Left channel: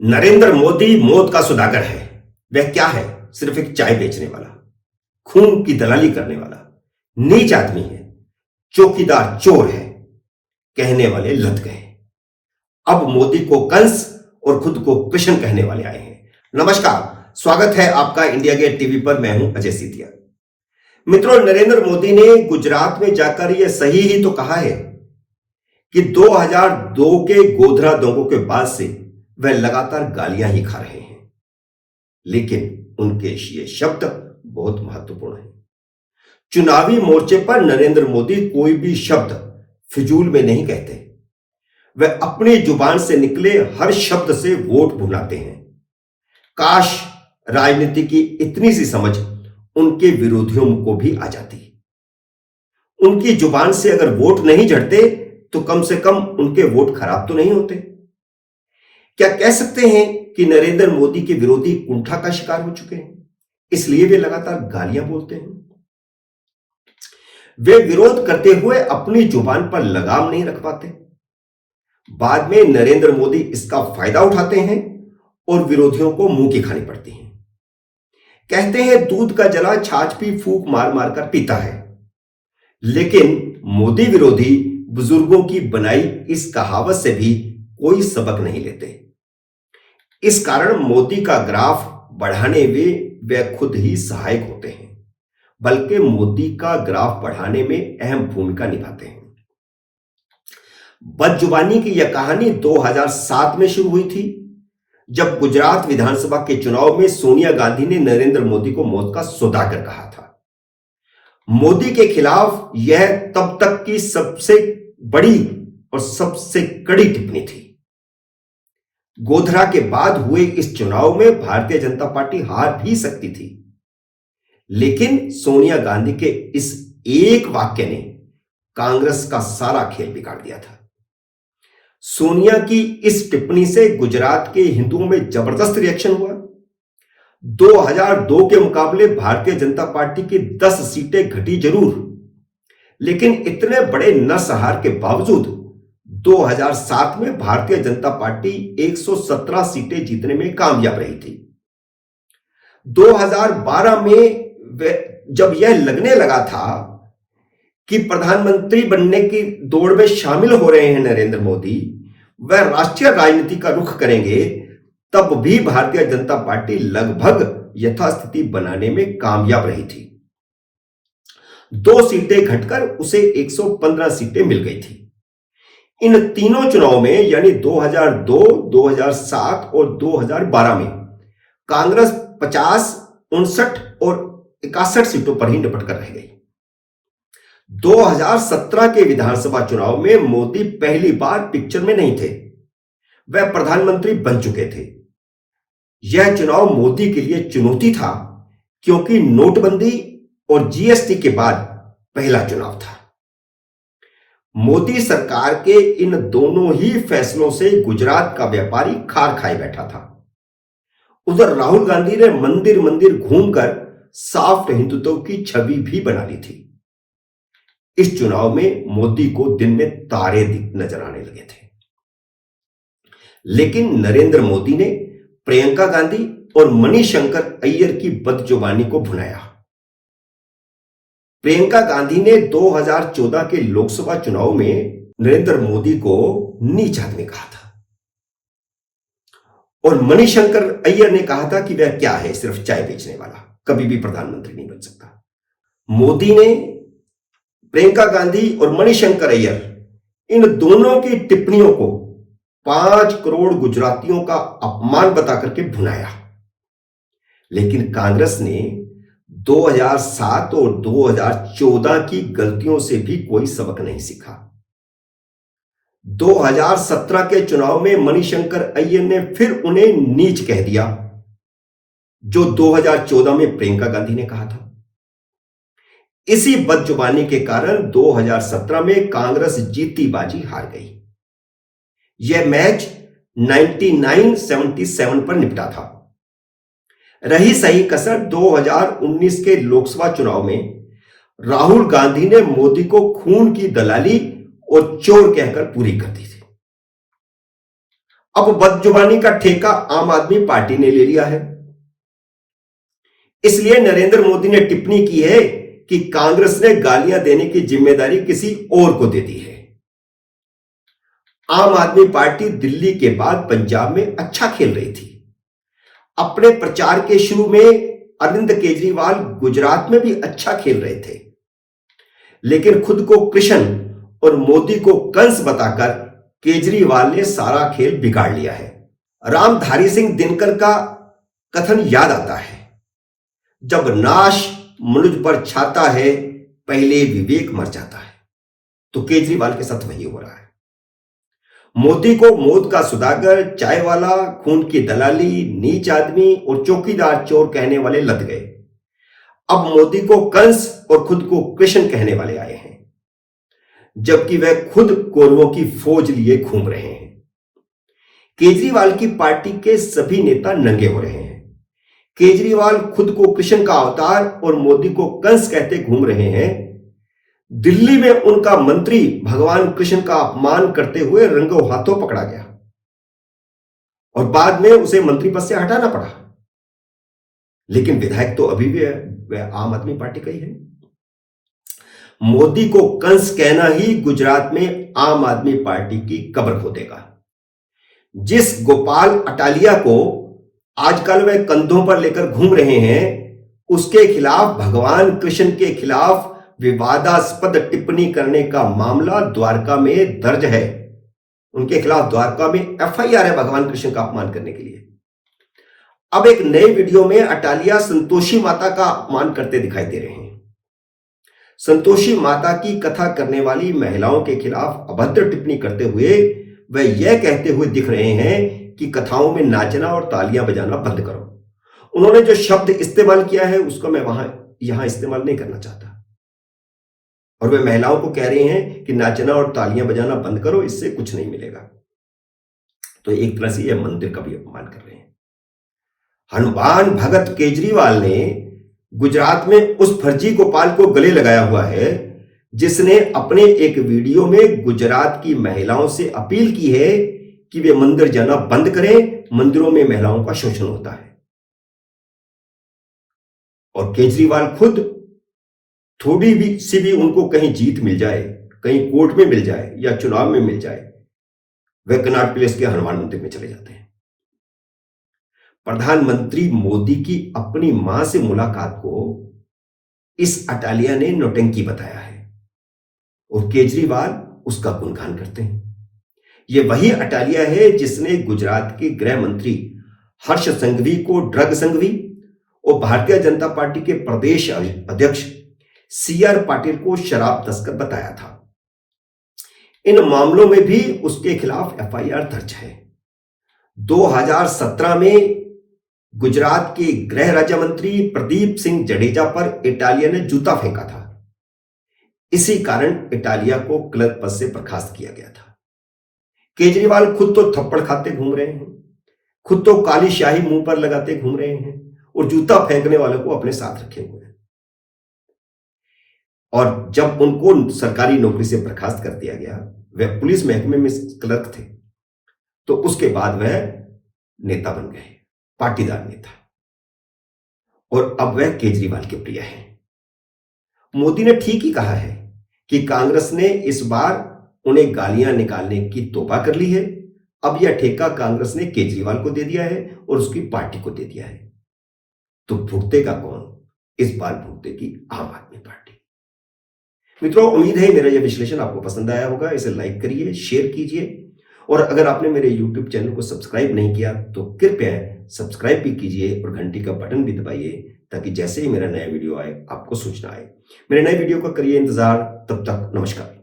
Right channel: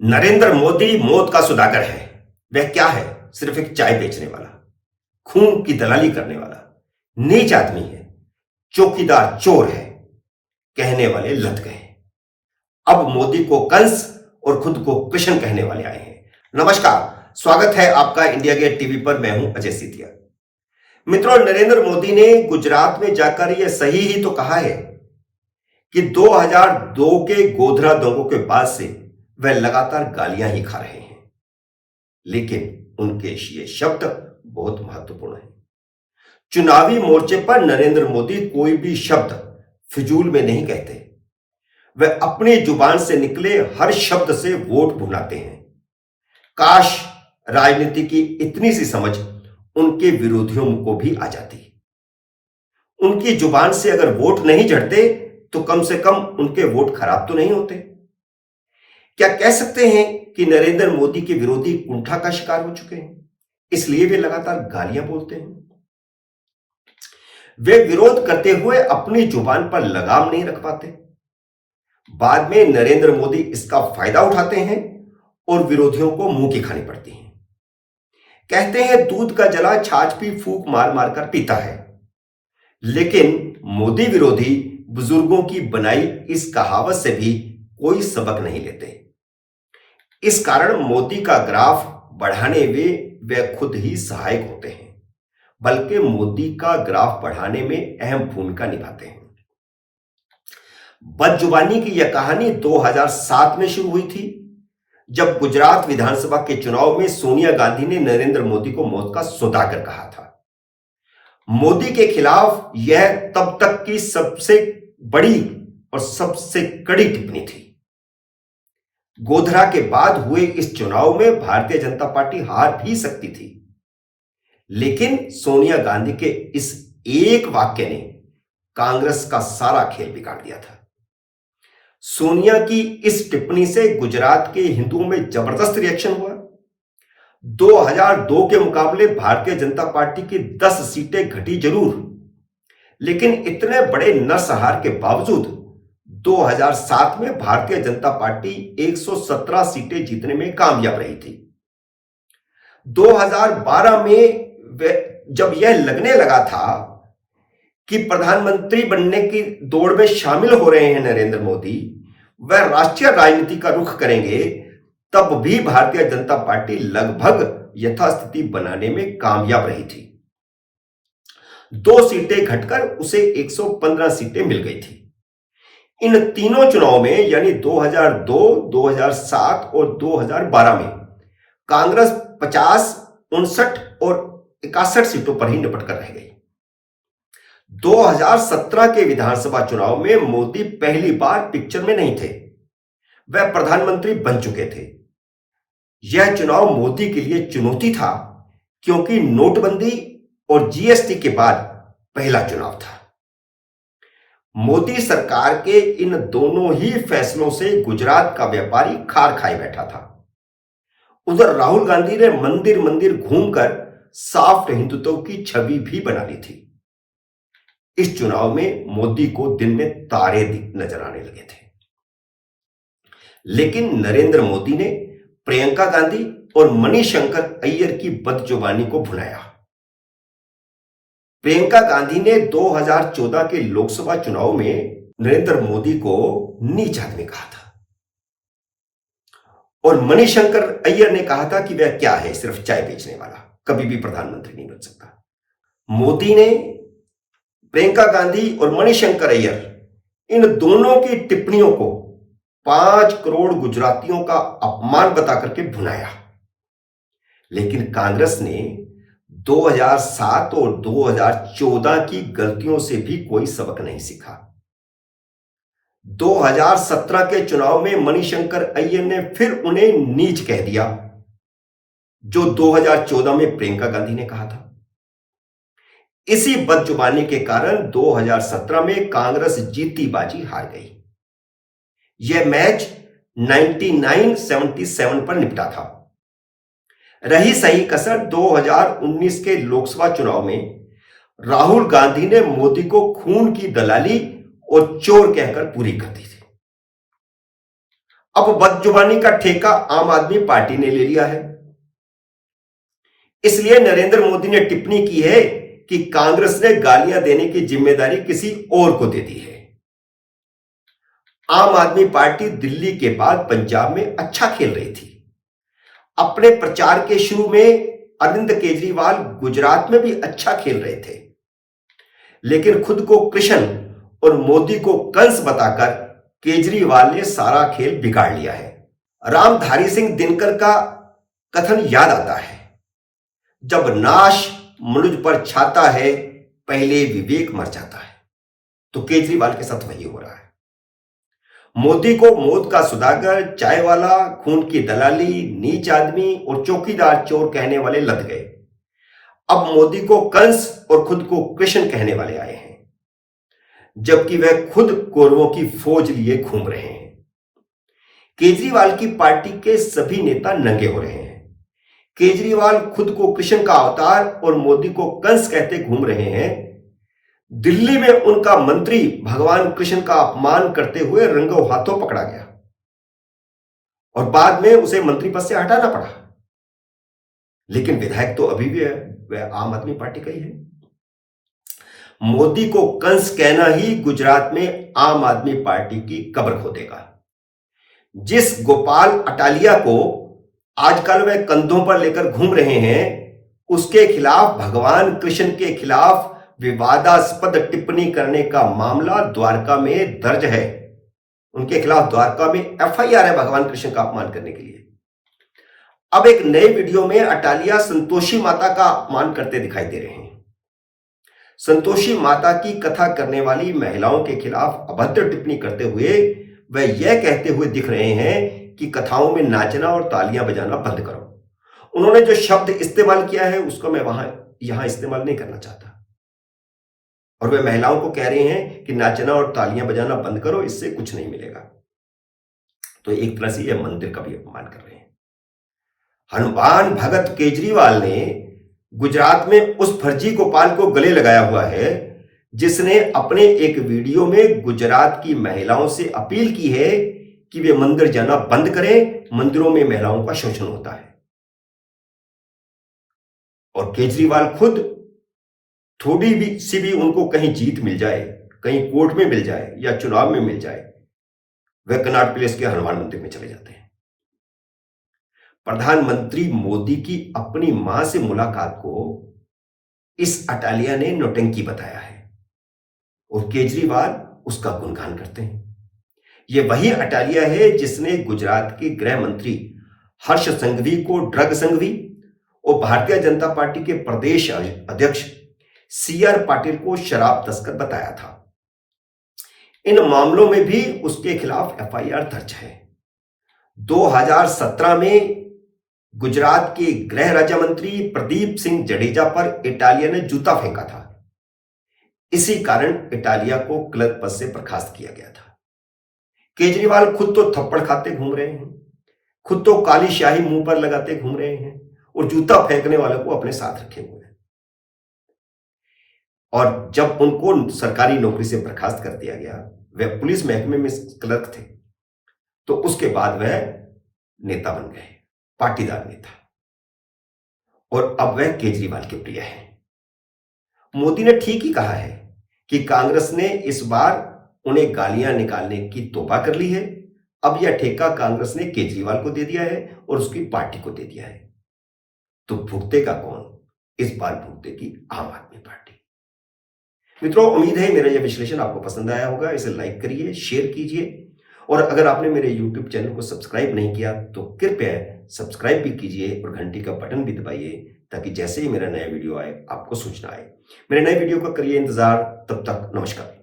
नरेंद्र मोदी मौत का सौदागर है। वह क्या है? सिर्फ एक चाय बेचने वाला, खून की दलाली करने वाला, नीच आदमी है, चौकीदार चोर है, कहने वाले लद गए। अब मोदी को कंस और खुद को कृष्ण कहने वाले आए हैं। नमस्कार, स्वागत है आपका इंडिया गेट टीवी पर। मैं हूं अजय सीतिया। मित्रों, नरेंद्र मोदी ने गुजरात में जाकर यह सही ही तो कहा है कि 2002 के गोधरा दंगों के बाद से वह लगातार गालियां ही खा रहे हैं। लेकिन उनके ये शब्द बहुत महत्वपूर्ण हैं। चुनावी मोर्चे पर नरेंद्र मोदी कोई भी शब्द फिजूल में नहीं कहते। वह अपनी जुबान से निकले हर शब्द से वोट भुनाते हैं। काश राजनीति की इतनी सी समझ उनके विरोधियों को भी आ जाती। उनकी जुबान से अगर वोट नहीं झड़ते तो कम से कम उनके वोट खराब तो नहीं होते। क्या कह सकते हैं कि नरेंद्र मोदी के विरोधी कुंठा का शिकार हो चुके हैं, इसलिए वे लगातार गालियां बोलते हैं। वे विरोध करते हुए अपनी जुबान पर लगाम नहीं रख पाते। बाद में नरेंद्र मोदी इसका फायदा उठाते हैं और विरोधियों को मुंह की खानी पड़ती है। कहते हैं दूध का जला छाछ भी फूंक मार मार कर पीता है। लेकिन मोदी विरोधी बुजुर्गों की बनाई इस कहावत से भी कोई सबक नहीं लेते। इस कारण मोदी का ग्राफ बढ़ाने में वे खुद ही सहायक होते हैं, बल्कि मोदी का ग्राफ बढ़ाने में अहम भूमिका निभाते हैं। बदजुबानी की यह कहानी 2007 में शुरू हुई थी, जब गुजरात विधानसभा के चुनाव में सोनिया गांधी ने नरेंद्र मोदी को मौत का सौदागर कहा था। मोदी के खिलाफ यह तब तक की सबसे बड़ी और सबसे कड़ी टिप्पणी थी। गोधरा के बाद हुए इस चुनाव में भारतीय जनता पार्टी हार भी सकती थी, लेकिन सोनिया गांधी के इस एक वाक्य ने कांग्रेस का सारा खेल बिगाड़ दिया था। सोनिया की इस टिप्पणी से गुजरात के हिंदुओं में जबरदस्त रिएक्शन हुआ। 2002 के मुकाबले भारतीय जनता पार्टी की 10 सीटें घटी जरूर, लेकिन इतने बड़े नरसंहार के बावजूद 2007 में भारतीय जनता पार्टी 117 सीटें जीतने में कामयाब रही थी। 2012 में जब यह लगने लगा था कि प्रधानमंत्री बनने की दौड़ में शामिल हो रहे हैं नरेंद्र मोदी, वह राष्ट्रीय राजनीति का रुख करेंगे, तब भी भारतीय जनता पार्टी लगभग यथास्थिति बनाने में कामयाब रही थी। 2 सीटें घटकर उसे 115 सीटें मिल गई थी। इन तीनों चुनाव में यानी 2002, 2007 और 2012 में कांग्रेस 50, 59 और 61 सीटों पर ही निपट कर रह गई। 2017 के विधानसभा चुनाव में मोदी पहली बार पिक्चर में नहीं थे, वह प्रधानमंत्री बन चुके थे। यह चुनाव मोदी के लिए चुनौती था, क्योंकि नोटबंदी और जीएसटी के बाद पहला चुनाव था। मोदी सरकार के इन दोनों ही फैसलों से गुजरात का व्यापारी खार खाए बैठा था। उधर राहुल गांधी ने मंदिर मंदिर घूमकर सॉफ्ट हिंदुत्व की छवि भी बना ली थी। इस चुनाव में मोदी को दिन में तारे नजर आने लगे थे। लेकिन नरेंद्र मोदी ने प्रियंका गांधी और मणिशंकर अय्यर की बदजुबानी को भुनाया। प्रियंका गांधी ने 2014 के लोकसभा चुनाव में नरेंद्र मोदी को नीच आदमी कहा था, और मणिशंकर अय्यर ने कहा था कि वह क्या है, सिर्फ चाय बेचने वाला, कभी भी प्रधानमंत्री नहीं बन सकता। मोदी ने प्रियंका गांधी और मणिशंकर अय्यर इन दोनों की टिप्पणियों को 5 करोड़ गुजरातियों का अपमान बता करके भुनाया। लेकिन कांग्रेस ने 2007 और 2014 की गलतियों से भी कोई सबक नहीं सीखा। 2017 के चुनाव में मणिशंकर अय्यर ने फिर उन्हें नीच कह दिया, जो 2014 में प्रियंका गांधी ने कहा था। इसी बदजुबानी के कारण 2017 में कांग्रेस जीती बाजी हार गई। यह मैच 99-77 पर निपटा था। रही सही कसर 2019 के लोकसभा चुनाव में राहुल गांधी ने मोदी को खून की दलाली और चोर कहकर पूरी कर दी थी। अब बदजुबानी का ठेका आम आदमी पार्टी ने ले लिया है। इसलिए नरेंद्र मोदी ने टिप्पणी की है कि कांग्रेस ने गालियां देने की जिम्मेदारी किसी और को दे दी है। आम आदमी पार्टी दिल्ली के बाद पंजाब में अच्छा खेल रही थी। अपने प्रचार के शुरू में अरविंद केजरीवाल गुजरात में भी अच्छा खेल रहे थे, लेकिन खुद को कृष्ण और मोदी को कंस बताकर केजरीवाल ने सारा खेल बिगाड़ लिया है। रामधारी सिंह दिनकर का कथन याद आता है, जब नाश मनुज पर छाता है पहले विवेक मर जाता है। तो केजरीवाल के साथ वही हो रहा है। मोदी को मौत का सुदागर, चाय वाला, खून की दलाली, नीच आदमी और चौकीदार चोर कहने वाले लद गए। अब मोदी को कंस और खुद को कृष्ण कहने वाले आए हैं, जबकि वह खुद कौरवों की फौज लिए घूम रहे हैं। केजरीवाल की पार्टी के सभी नेता नंगे हो रहे हैं। केजरीवाल खुद को कृष्ण का अवतार और मोदी को कंस कहते घूम रहे हैं। दिल्ली में उनका मंत्री भगवान कृष्ण का अपमान करते हुए रंगों हाथों पकड़ा गया और बाद में उसे मंत्री पद से हटाना पड़ा, लेकिन विधायक तो अभी भी वह आम आदमी पार्टी का ही है। मोदी को कंस कहना ही गुजरात में आम आदमी पार्टी की कब्र खोदेगा। जिस गोपाल अटालिया को आजकल वह कंधों पर लेकर घूम रहे हैं, उसके खिलाफ भगवान कृष्ण के खिलाफ विवादास्पद टिप्पणी करने का मामला द्वारका में दर्ज है। उनके खिलाफ द्वारका में एफआईआर है भगवान कृष्ण का अपमान करने के लिए। अब एक नए वीडियो में अटालिया संतोषी माता का अपमान करते दिखाई दे रहे हैं। संतोषी माता की कथा करने वाली महिलाओं के खिलाफ अभद्र टिप्पणी करते हुए वह यह कहते हुए दिख रहे हैं कि कथाओं में नाचना और तालियां बजाना बंद करो। उन्होंने जो शब्द इस्तेमाल किया है उसको मैं यहां इस्तेमाल नहीं करना चाहता। और वे महिलाओं को कह रहे हैं कि नाचना और तालियां बजाना बंद करो, इससे कुछ नहीं मिलेगा। तो एक तरह से यह मंदिर का भी अपमान कर रहे हैं। हनुमान भगत केजरीवाल ने गुजरात में उस फर्जी गोपाल को गले लगाया हुआ है जिसने अपने एक वीडियो में गुजरात की महिलाओं से अपील की है कि वे मंदिर जाना बंद करें, मंदिरों में महिलाओं का शोषण होता है। और केजरीवाल खुद थोड़ी भी उनको कहीं जीत मिल जाए, कहीं कोर्ट में मिल जाए या चुनाव में मिल जाए, वे कनॉट प्लेस के हनुमान मंदिर में चले जाते हैं। प्रधानमंत्री मोदी की अपनी मां से मुलाकात को इस अटालिया ने नौटंकी बताया है और केजरीवाल उसका गुणगान करते हैं। यह वही अटालिया है जिसने गुजरात के गृह मंत्री हर्ष संघवी को ड्रग संघवी और भारतीय जनता पार्टी के प्रदेश अध्यक्ष सीआर पाटिल को शराब तस्कर बताया था। इन मामलों में भी उसके खिलाफ एफआईआर दर्ज है। 2017 में गुजरात के गृह राज्य मंत्री प्रदीप सिंह जडेजा पर इटालिया ने जूता फेंका था। इसी कारण इटालिया को क्लर्क पद से बर्खास्त किया गया था। केजरीवाल खुद तो थप्पड़ खाते घूम रहे हैं, खुद तो काली शाही मुंह पर लगाते घूम रहे हैं और जूता फेंकने वालों को अपने साथ रखे हुए हैं। और जब उनको सरकारी नौकरी से बर्खास्त कर दिया गया, वह पुलिस महकमे में क्लर्क थे, तो उसके बाद वह नेता बन गए, पाटीदार नेता, और अब वह केजरीवाल के प्रिय हैं। मोदी ने ठीक ही कहा है कि कांग्रेस ने इस बार उन्हें गालियां निकालने की तौबा कर ली है। अब यह ठेका कांग्रेस ने केजरीवाल को दे दिया है और उसकी पार्टी को दे दिया है। तो भुगतेगा कौन? इस बार भुगतेगी आम आदमी पार्टी। मित्रों, उम्मीद है मेरा यह विश्लेषण आपको पसंद आया होगा। इसे लाइक करिए, शेयर कीजिए, और अगर आपने मेरे YouTube चैनल को सब्सक्राइब नहीं किया तो कृपया सब्सक्राइब भी कीजिए और घंटी का बटन भी दबाइए, ताकि जैसे ही मेरा नया वीडियो आए आपको सूचना आए। मेरे नए वीडियो का करिए इंतजार। तब तक नमस्कार।